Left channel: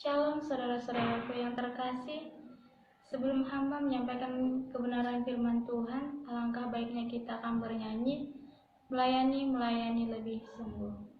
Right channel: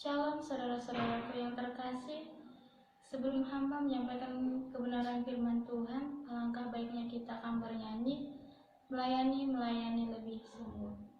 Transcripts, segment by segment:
Shalom saudara-saudaraku yang terkasih. Sebelum hamba menyampaikan kebenaran firman Tuhan, alangkah baiknya kita akan bernyanyi, melayani lebih sungguh.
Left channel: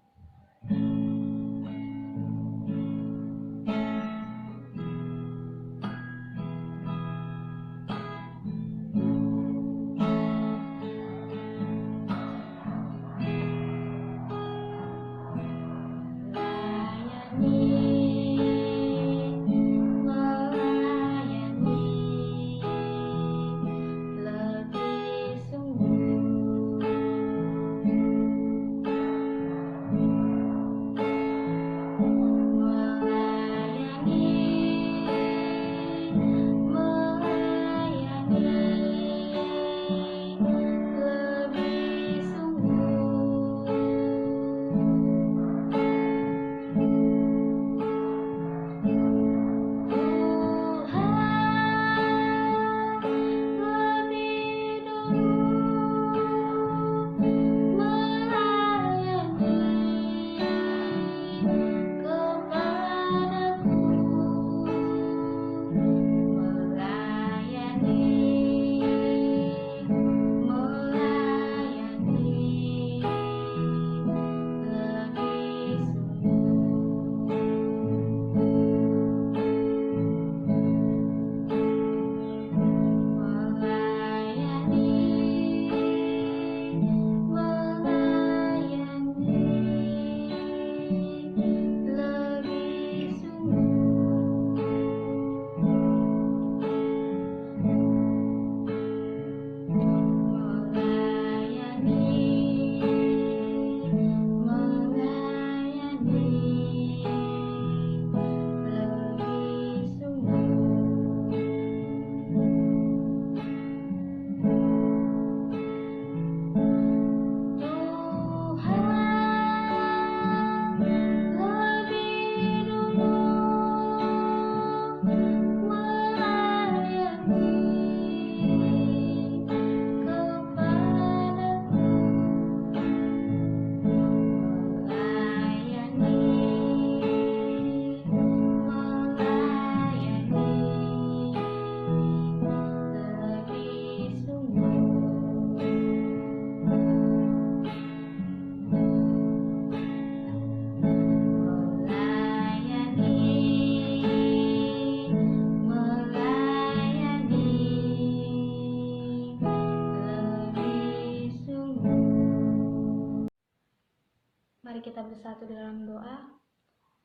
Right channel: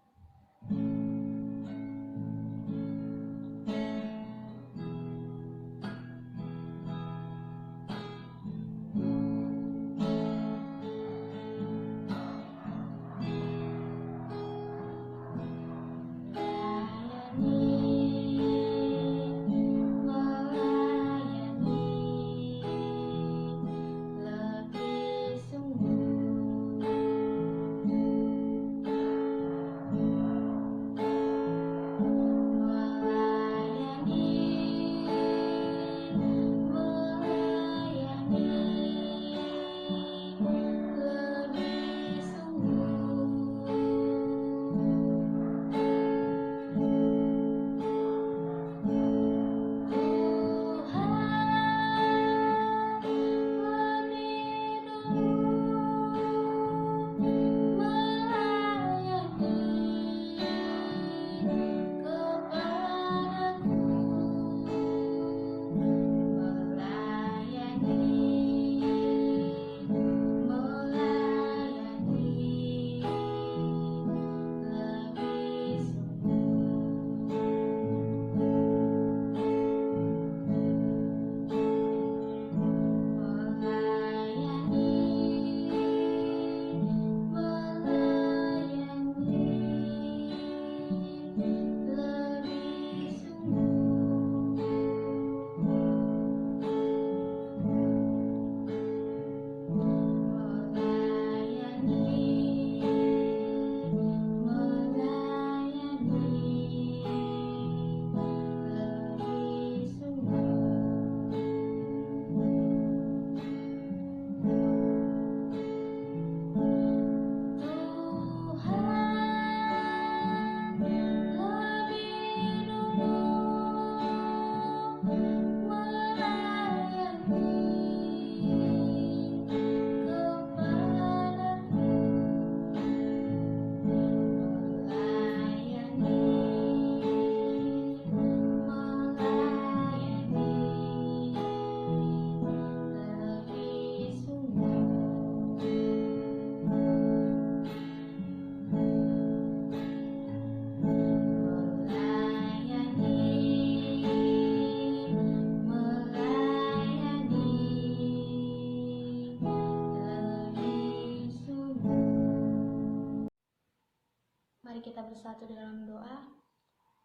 Mari kita bersatu dalam doa.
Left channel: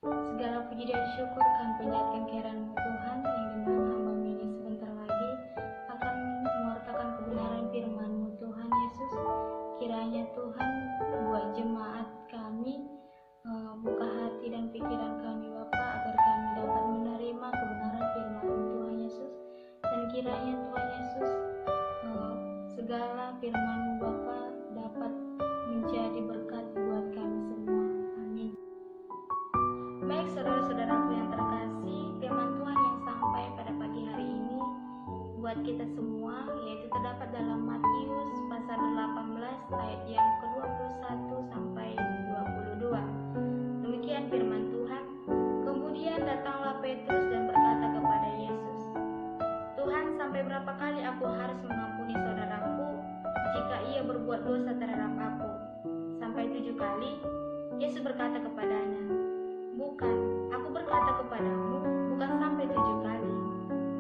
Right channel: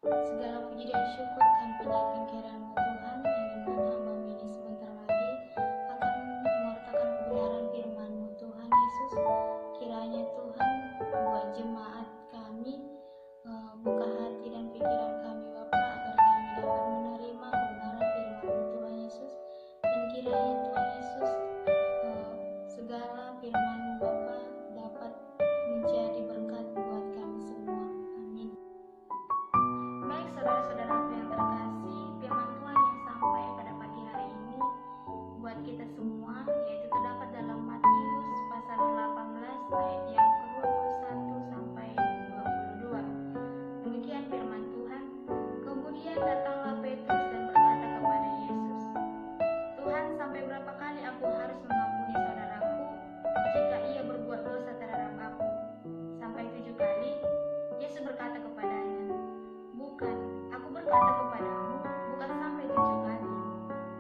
Segala puji dan syukur kami panjatkan kehadiran-Mu Tuhan, yang dimana hamba ini sebentar lagi akan mewartakan kebenaran firman-Mu Tuhan Yesus. Kiranya Tuhan buat jemaat kami, buka hati dan pikiran kami Bapa, agar kami dapat menerima kebenaran firman-Mu Tuhan Yesus. Dan kiranya Tuhan Yesus, segala firman-Mu Bapa dapat menjadi berkat buat kami semua. Amin. Baik saudara-saudaraku yang terkasih, firman Tuhan yang sampai pada pagi hari ini buat kita semua, yaitu terdapat dalam Matius pasal 18 ayat yang ke-21 sampai 22. Demikian firman Tuhan. Kemudian datanglah Petrus dan berkata kepada Yesus, "Tuhan, sampai berapa kali aku harus mengampuni saudaraku jika ia berbuat dosa terhadap aku? Sampai 7 kali?" Yesus berkata kepadanya, "Bukan, aku berkata kepadamu, bukan sampai 7 kali,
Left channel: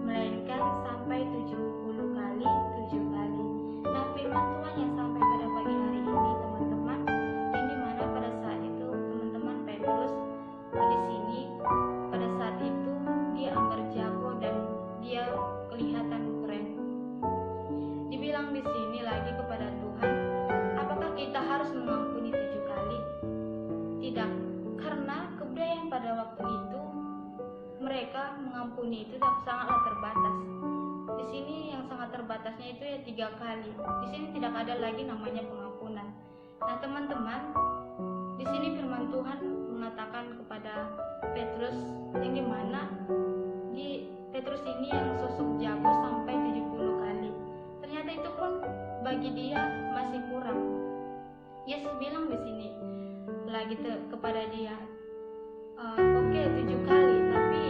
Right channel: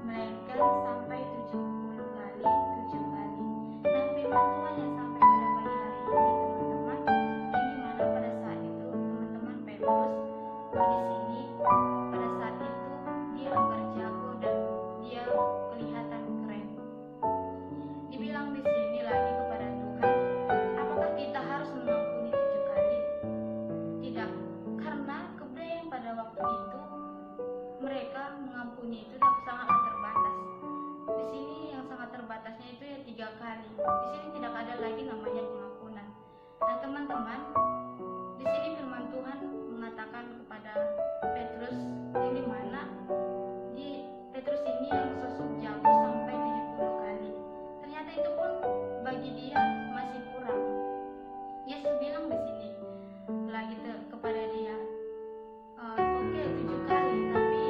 melainkan sampai 70 kali 7 kali. Nah, firman Tuhan yang sampai pada pagi hari ini, teman-teman, yang dimana pada saat itu teman-teman Petrus di sini, pada saat itu dia anggar jago dan dia kelihatan keren. Dibilang di sini lagi kepada Tuhan, apakah kita harus mengampuni 7 kali? Tidak, karena kebudayaan pada waktu itu mereka mengampuni itu sangatlah terbatas. Di sini yang sangat terbatasnya itu ya 3 kali. Di sini tidak ada lagi namanya pengampunan. Nah, teman-teman, di sini firman Tuhan mengatakan kepada Petrus, yang dimana di Petrus ini yang sosok jago sampai 70 kali. Ternyata itu pun bagi dia masih kurang. Yesus bilang di sini lagi kepada dia, oke, 7 kali, tapi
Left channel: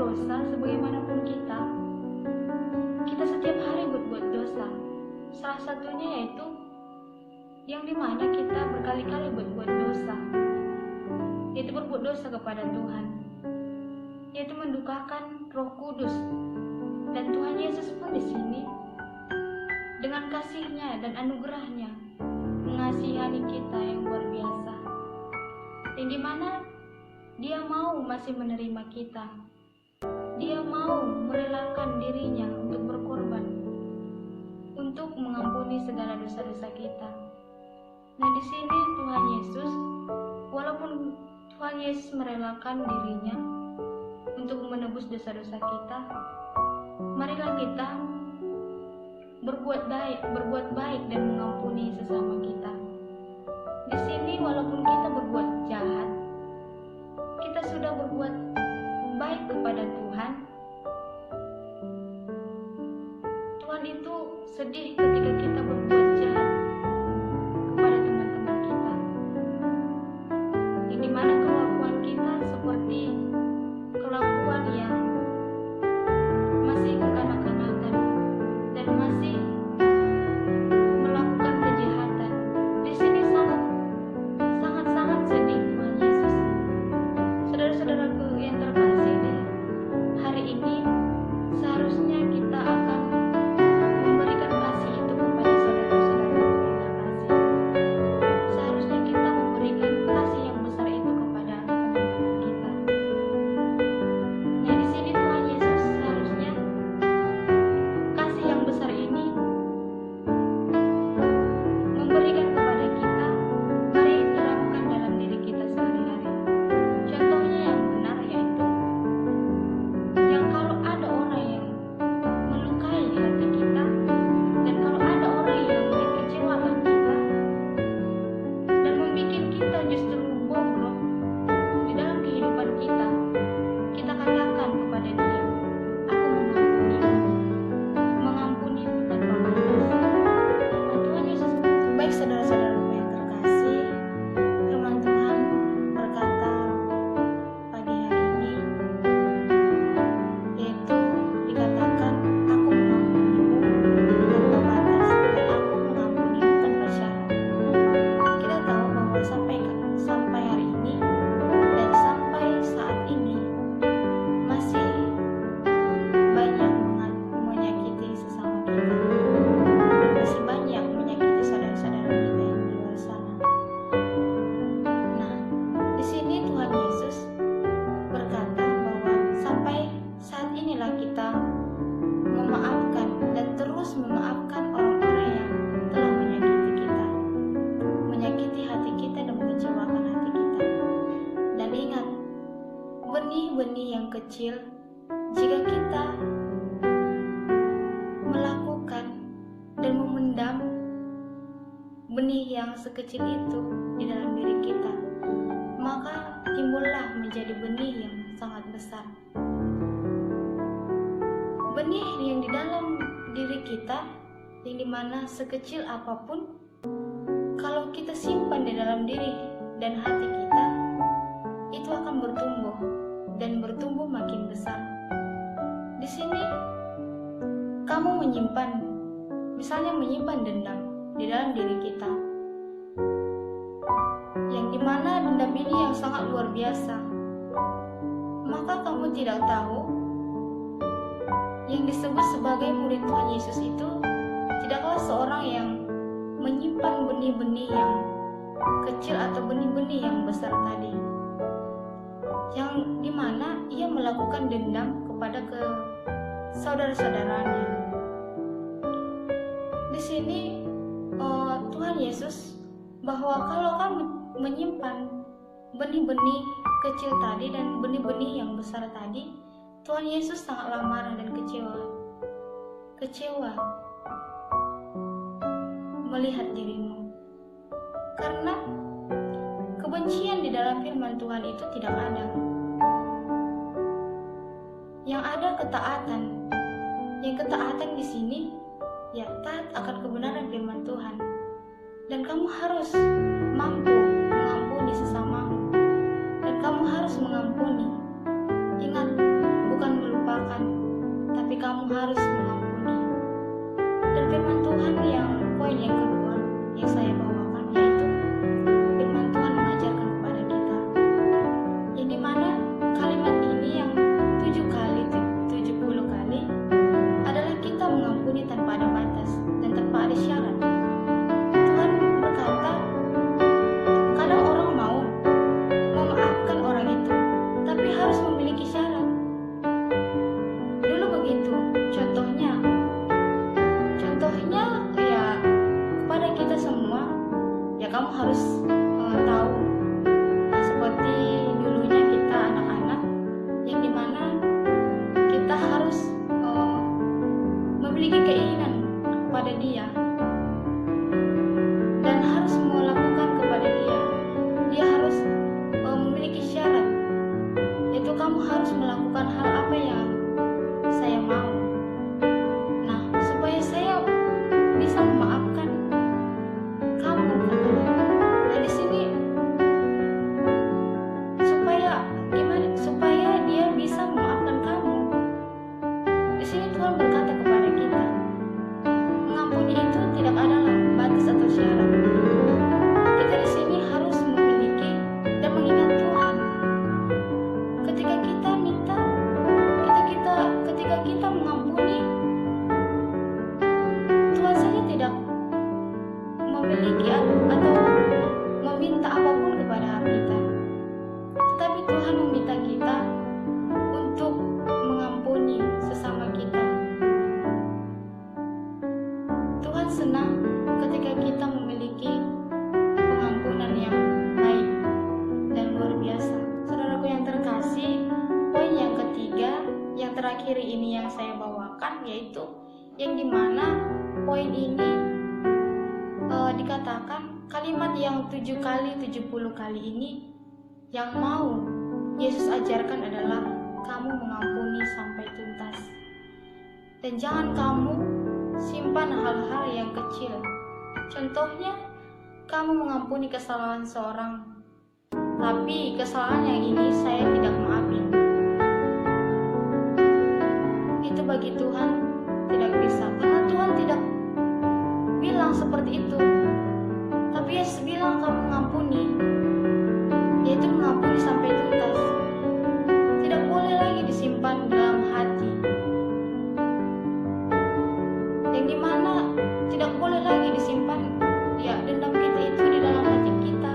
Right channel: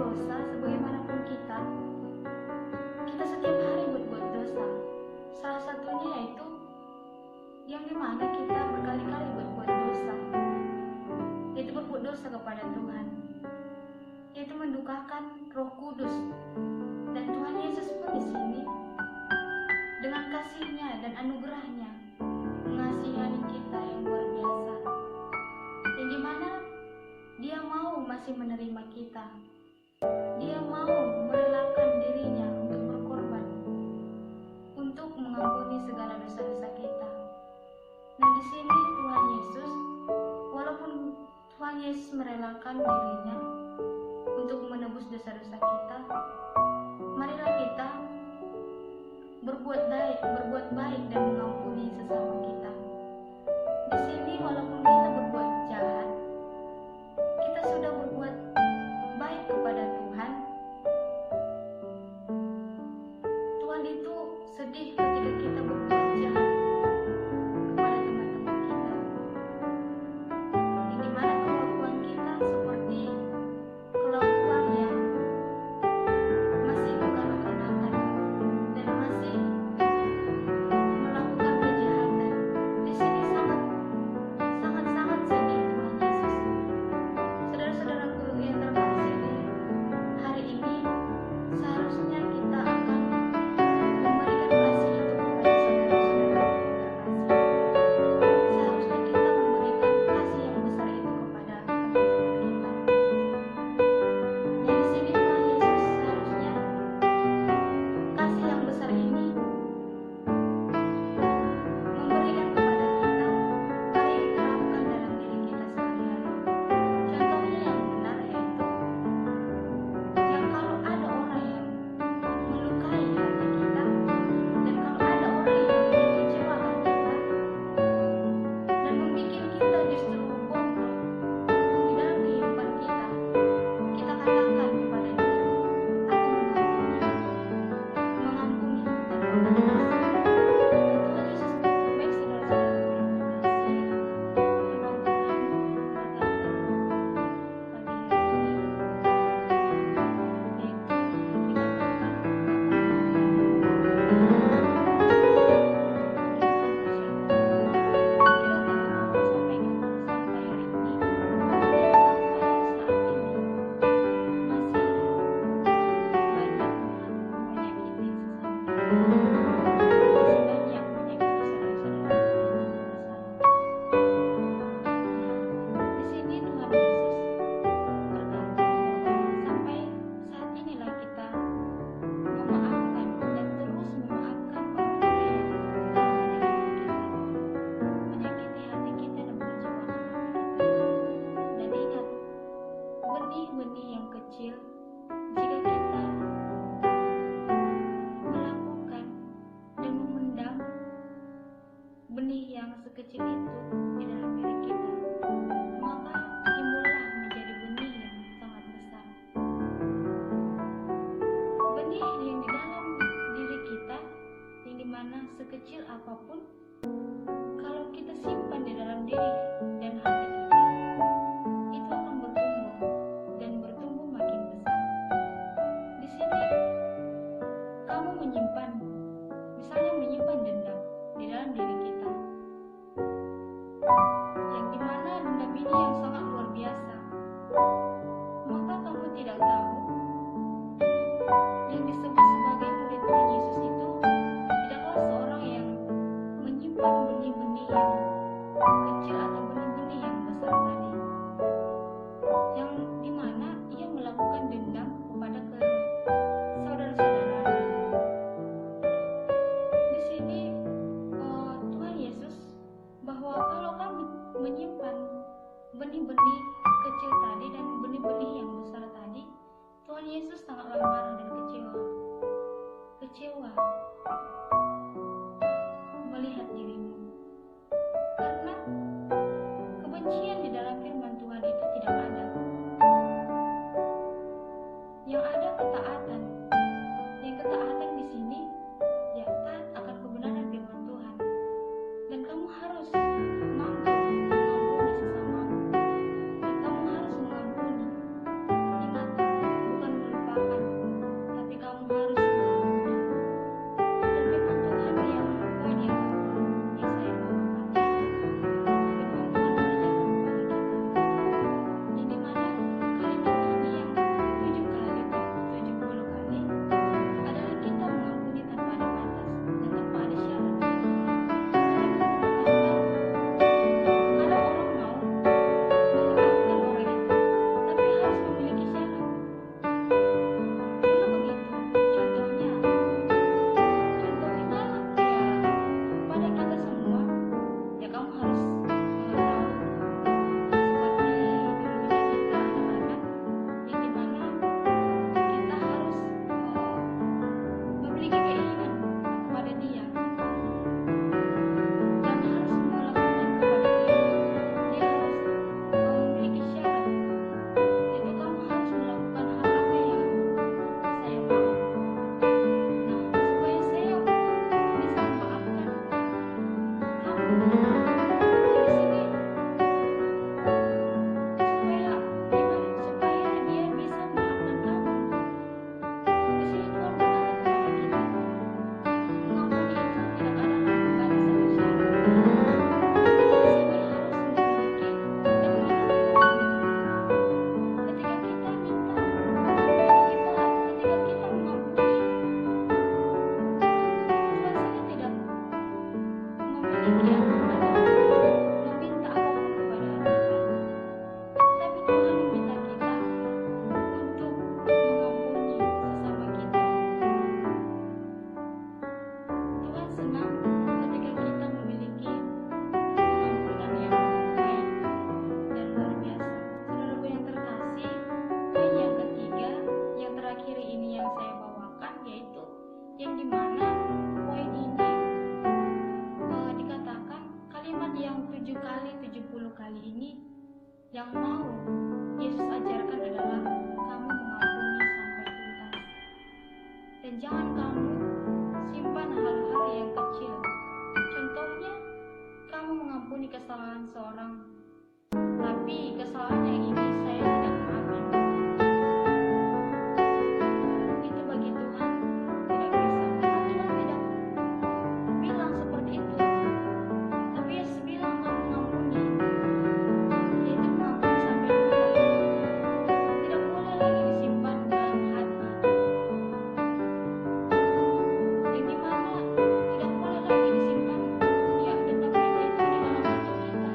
dosa sebagaimanapun kita setiap hari berbuat dosa. Salah satunya yaitu yang dimana kita berkali-kali berbuat dosa, yaitu berbuat dosa kepada Tuhan, yaitu mendukakan Roh Kudus. Dan Tuhan Yesus pun di sini dengan kasih-Nya dan anugerah-Nya mengasihani kita yang luar biasa, yang dimana Dia mau masih menerima kita. Dia mau merelakan dirinya untuk berkorban, untuk mengampuni segala dosa-dosa kita. Nah, di sini Tuhan Yesus, walaupun Tuhan Yesus merelakan dirinya untuk menebus dosa-dosa kita, marilah kita berbuat baik dan mengampuni sesama kita. Di sini walaupun kita berbuat jahat, kita sudah berbuat baik kepada Tuhan. Tuhan itu sedih ketika kita berbuat jahat kepada teman-teman kita, yang dimana kelakuan kita seperti kelakuan yang masih kekanak-kanakan dan masih melakukan kejahatan. Di sini sangat sedih Tuhan Yesus. Saudara-saudaraku yang terkasih, hari ini seharusnya kita akan memberikan kasih itu kepada saudara-saudara yang terkasih. Seharusnya kita memberikan kasih yang besar itu kepada teman-teman kita. Nah, di sini Tuhan Yesus seharusnya kasih yang besar ini memberikan kepada kita, mari terapkan dalam diri kita sehari-hari. Contohnya yang benar yaitu yang kalau ada orang yang melukai hati kita, dan kalau ada orang yang mengecewakan kita dan membuat kita justru bobrok di dalam kehidupan kita, kita katakan kepada dia, aku mengampunimu tanpa batas. Nah, Tuhan Yesus, baik saudara-saudaraku yang terkasih, firman Tuhan berkata pagi hari ini, yaitu dikatakan, aku mengampunimu tanpa batas dan aku mengampunimu tanpa syarat. Kita tahu bahwa sampai hari ini dan sampai saat ini masih banyak menyakiti sesama kita, dan masih banyak menyakiti saudara-saudara kita yang di luar sana. Nah, di sini Tuhan Yesus berkata bahwa sampai saat inilah kita memaafkan dan terus memaafkan orang-orang yang telah menyakiti kita, menyakiti hati kita dan mengecewakan hati kita. Dan ingat, benih-benih yang kecil, jika kita melakukan dan memendam benih yang sekecil itu di dalam diri kita, maka timbullah menjadi benih yang sangat besar. Benih yang di dalam diri kita, yang dimana sekecil apapun, kalau kita simpan di dalam diri dan hati kita, itu akan bertumbuh dan bertumbuh makin besar. Di sini kamu misalnya menyimpan dendam di dalam diri kita, yang dimana dendam ini yang sangat luar biasa, maka kamu tidak tahu yang disebut sebagai murid Tuhan Yesus itu tidaklah seorang yang menyimpan benih-benih yang kecil atau benih-benih yang besar tadi, yang dimana ia melakukan dendam kepada saudara-saudaranya. Di sini Tuhan Yesus bahwa kalau kamu menyimpan benih-benih kecil tadi dan benih-benih yang besar tadi, Tuhan Yesus sangatlah marah dan kecewa melihat dirimu, karena kebencian di dalam firman Tuhan itu tidak ada. Yang ada ketaatan. Yang ketaatan di sini ya taat akan kebenaran firman Tuhan. Dan kamu harus mampu mengampuni sesamamu. Dan kamu harus mengampuni. Ingat, bukan dia dan harus melakukan kepada dia. Dia harus memiliki syarat, yaitu kamu harus melakukan hal apa yang saya mau. Nah, supaya saya bisa memaafkan kamu, nah di sini supaya gimana? Supaya dia bisa memaafkan kamu. Di sini Tuhan berkata kepada kita, mengampuni itu tidak adalah batas atau syarat. Kita di sini harus memiliki dan mengingat Tuhan. Ketika kita minta, ketika kita mengampuni, Tuhan saja tidak memiliki atau meminta apapun kepada kita, tetapi Tuhan meminta kita untuk mengampuni sesama kita. Tuhan senang ketika kita memiliki pengampunan yang baik dan luar biasa. Saudaraku yang terkasih, poin yang ketiga, yang terakhir ini yang saya bawakan, yaitu yang dimana poin ini dikatakan kalimat yang 7 kali 70 kali ini yang mau Yesus ajarkan adalah kamu mengampuni sampai tuntas. Dan jangan kamu simpan hal-hal yang kecil. Contohnya, kamu mengampuni kesalahan seorang, tapi kesalahan yang ini saya tidak maafin. Itu bagi Tuhan tidak bisa, karena Tuhan tidak bilang seperti itu. Tapi Yesus bilang kamu mengampuni, yaitu mengampuni sampai tuntas. Tidak boleh lagi disimpan dalam hati, yang dimana tidak boleh lagi disimpan dendam kita itu di dalam hati kita.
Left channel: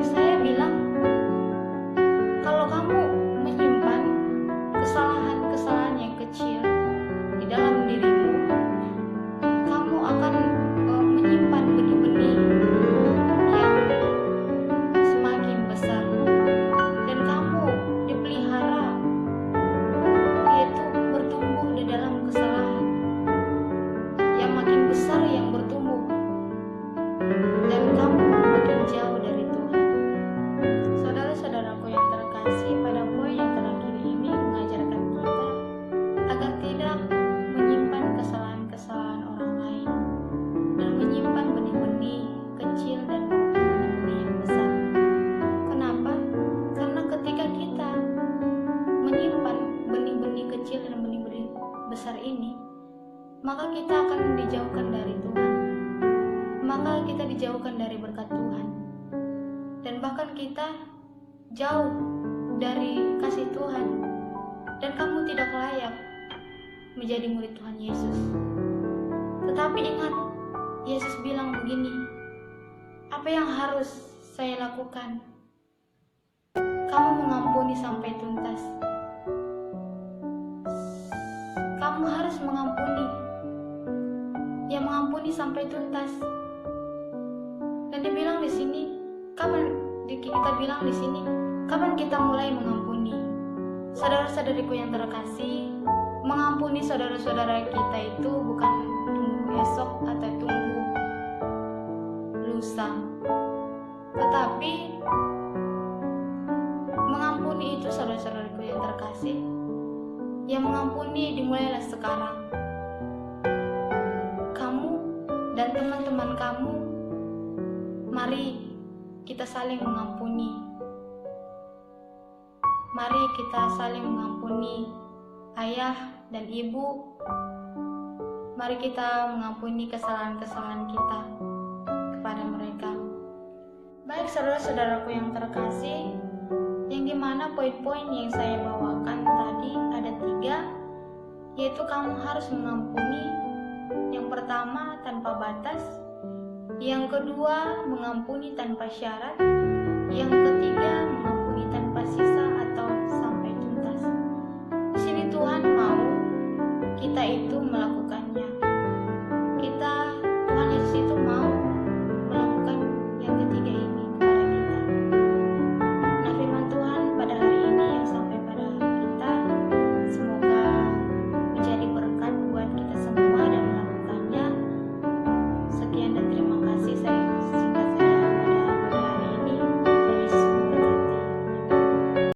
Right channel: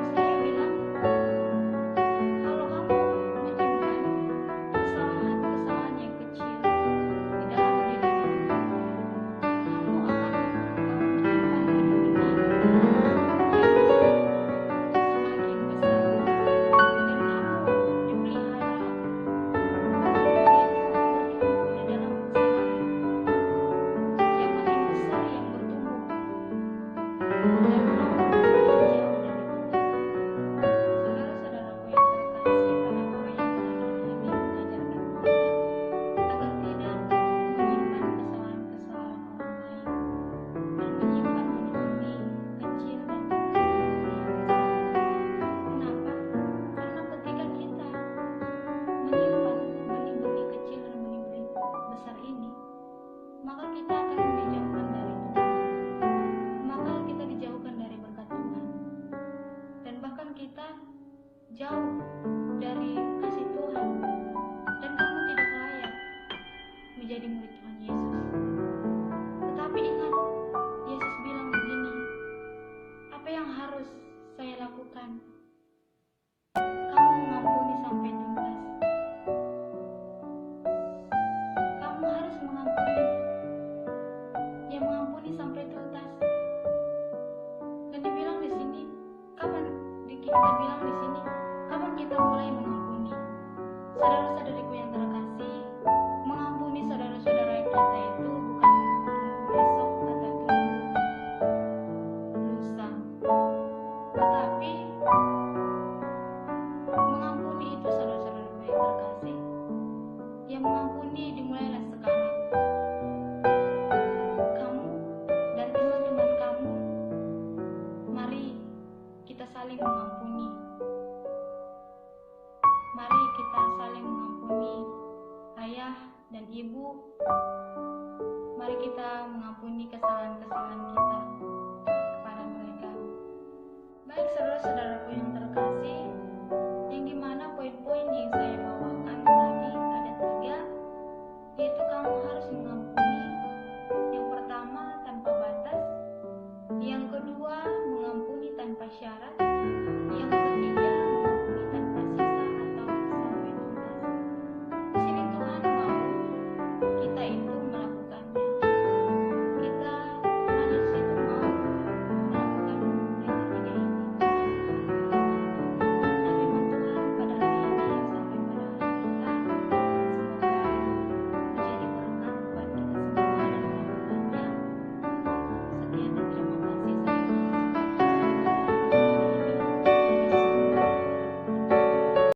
Saya bilang, kalau kamu menyimpan kesalahan-kesalahan yang kecil di dalam dirimu, kamu akan menyimpan benih-benih yang semakin besar, dan kamu dipelihara, yaitu bertumbuh di dalam kesalahan yang makin besar, yang bertumbuh, dan kamu makin jauh dari Tuhan. Saudara-saudaraku yang terkasih, pada poin yang terakhir ini mengajarkan kita agar tidak menyimpan kesalahan-kesalahan orang lain dan menyimpan benih-benih kecil dan benih-benih yang besar. Kenapa? Karena ketika kita menyimpan benih-benih kecil dan benih-benih besar ini, maka kita akan dijauhkan dari Tuhan, maka kita dijauhkan dari berkat Tuhan, dan bahkan kita jauh dari kasih Tuhan, dan kamu tidak layak menjadi murid Tuhan Yesus. Tetapi ingat, Yesus bilang begini, apa yang harus saya lakukan? Kamu mengampuni sampai tuntas. Kamu harus mengampuni, yang mengampuni sampai tuntas. Dan dibilang di sini, kita bilang di sini, kapan kita mulai mengampuni? Saudara-saudariku yang terkasih, mengampuni saudara-saudara kita itu bukan tunggu esok atau tunggu lusa, tetapi mengampuni itu, saudara-saudariku yang terkasih, yang mengampuni dimulailah sekarang. Kamu dan teman-teman kamu, mari kita saling mengampuni. Mari kita saling mengampuni ayah dan ibu. Mari kita mengampuni kesalahan-kesalahan kita kepada mereka. Baik saudara-saudaraku yang terkasih, yang dimana poin-poin yang saya bawakan tadi ada 3, yaitu kamu harus mengampuni. Yang pertama, tanpa batas. Yang kedua, mengampuni tanpa syarat. Yang